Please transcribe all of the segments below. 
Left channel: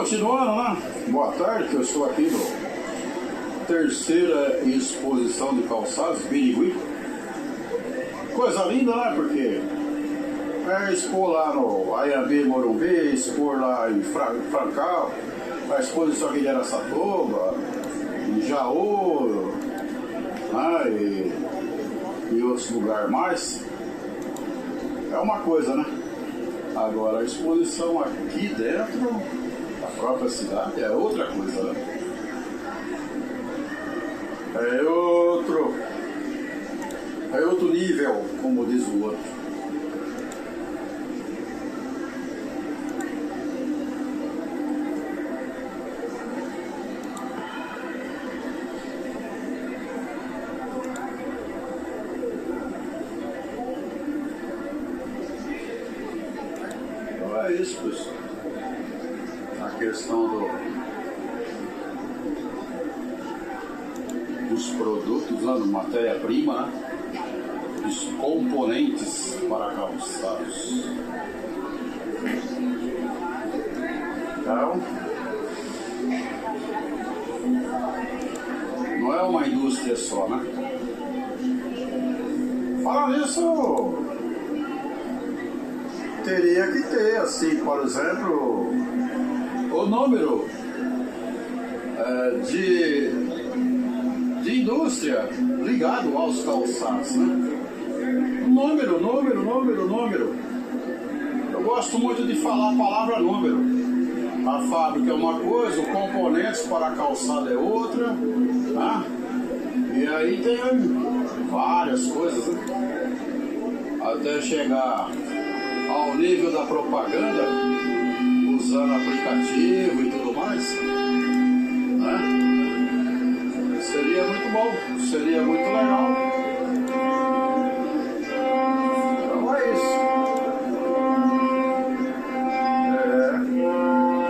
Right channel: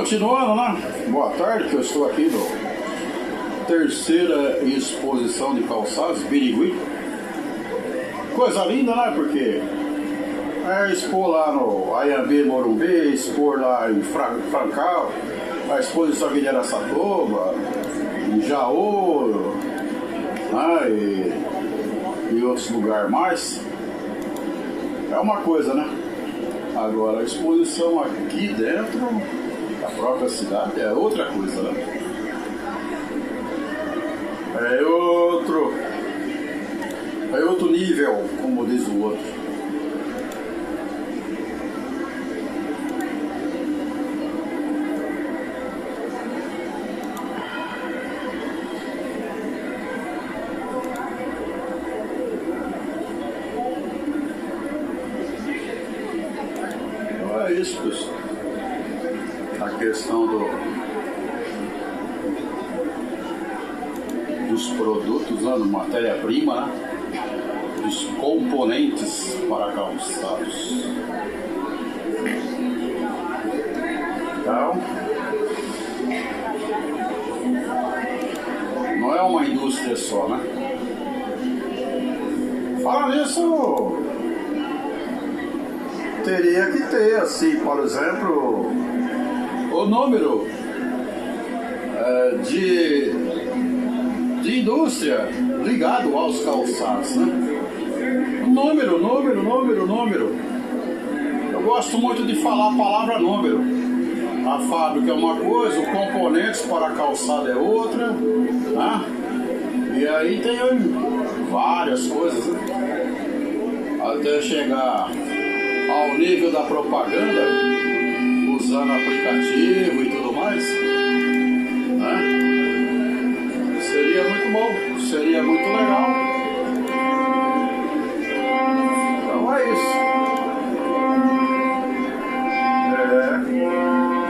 Continuando, né? Boa tarde, que eu estou aqui no terceira exposição de calçados, Birigui. Coisa linda, né? Porque vai expor lá no Ayambi, Morumbi, expor lá em Francal, a exposição aqui de Araçatuba, em Jaú, né? E outros lugares mais. É uma coisa, né? Agora, a exposição aqui dentro da própria cidade é outra coisa, né? É outro nível, como diz o outro. Então é isso, pessoal. A questão dos produtos, né, matéria-prima, né, dos componentes para calçados. Então, não é uma indústria só, né? Fala nisso, teria que ter, assim, por exemplo, o número de indústria ligado aos calçados, né? Número. Eu gosto muito de falar a palavra número. A fábrica é uma coisa, os componentes para calçado é outra, né? E aí tem várias coisas, né? Até chegar ao nível da propaganda, usando aplicativo e tudo mais, né? Seria muito bom, seria muito legal. Então é isso.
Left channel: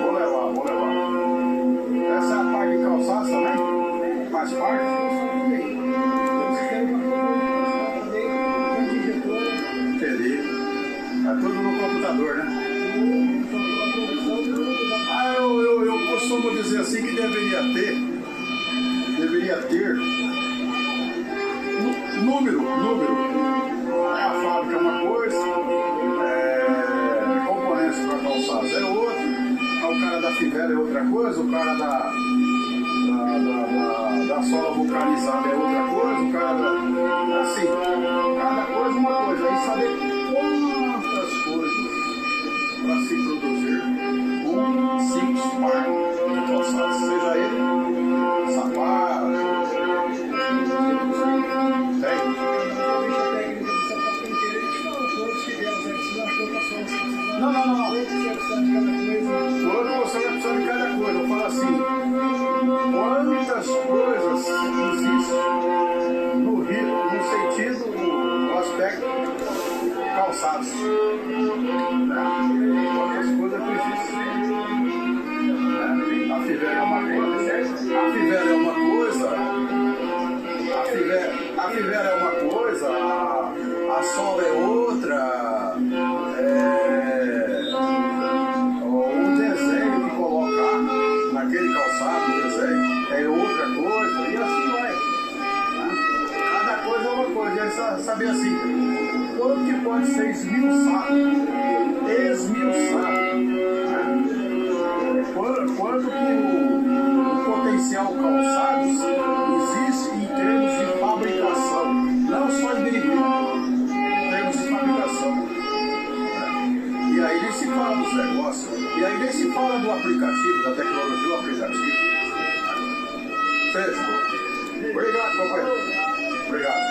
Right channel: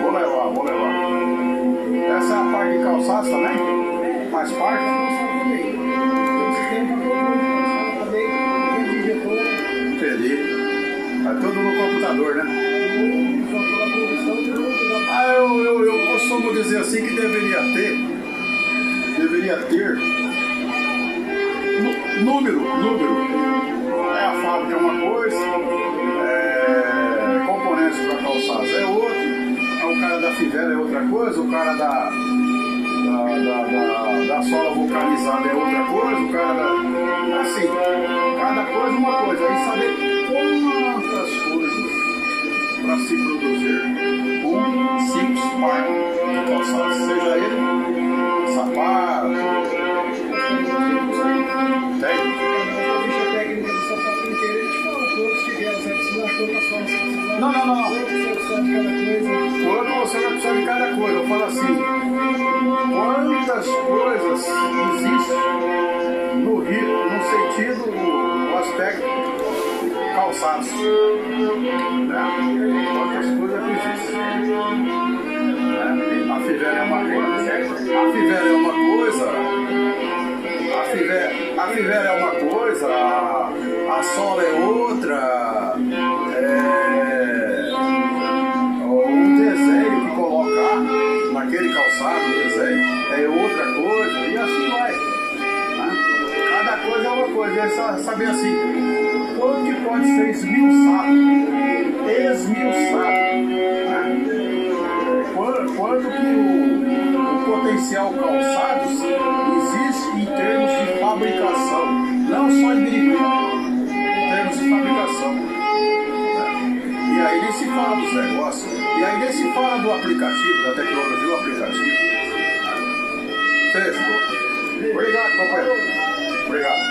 Vou levar. Essa é a parte de calçados também? Faz parte? Entendi. É tudo no computador, né? Eu costumo dizer assim que deveria ter número. A fábrica é uma coisa, componentes para calçados é outro, o cara da fivela é outra coisa, o cara da sola vulcanizada é outra coisa, o cara da... assim, cada coisa é uma coisa, aí saber quantas coisas para se produzir um simples par de calçados, seja ele sapato, Não. Quando você vai precisar de cada coisa, eu falo assim, quantas coisas existem no sentido, no aspecto calçados, né? Quantas coisas que existem, né? A fivela é uma coisa, a sola é outra, o desenho que colocar naquele calçado, o desenho é outra coisa, e assim vai, né? Cada coisa é uma coisa, e aí saber assim, quanto que pode ser esmiuçado, né? Quanto que o potencial calçados existe em termos de fabricação, não só em Birigui, em termos de fabricação. E aí nem se fala dos negócios, e aí nem se fala do aplicativo, da tecnologia do aplicativo. Fechou. Obrigado, companheiro. Obrigado.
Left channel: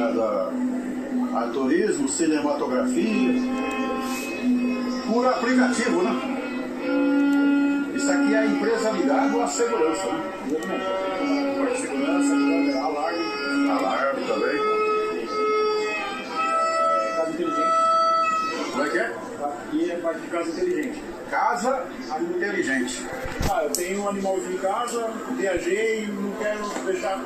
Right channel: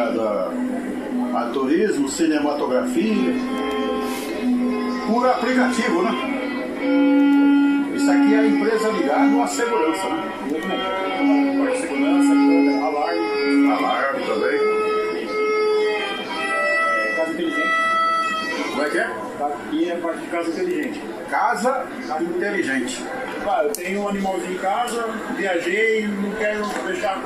ligado a turismo, cinematografia, por aplicativo, né? Isso aqui é a empresa ligada à segurança, né? Parte de segurança, alarme também. Casa inteligente. Como é que é? Aqui é parte de casa inteligente. Casa inteligente. Ah, eu tenho um animalzinho em casa, viajei, não quero deixar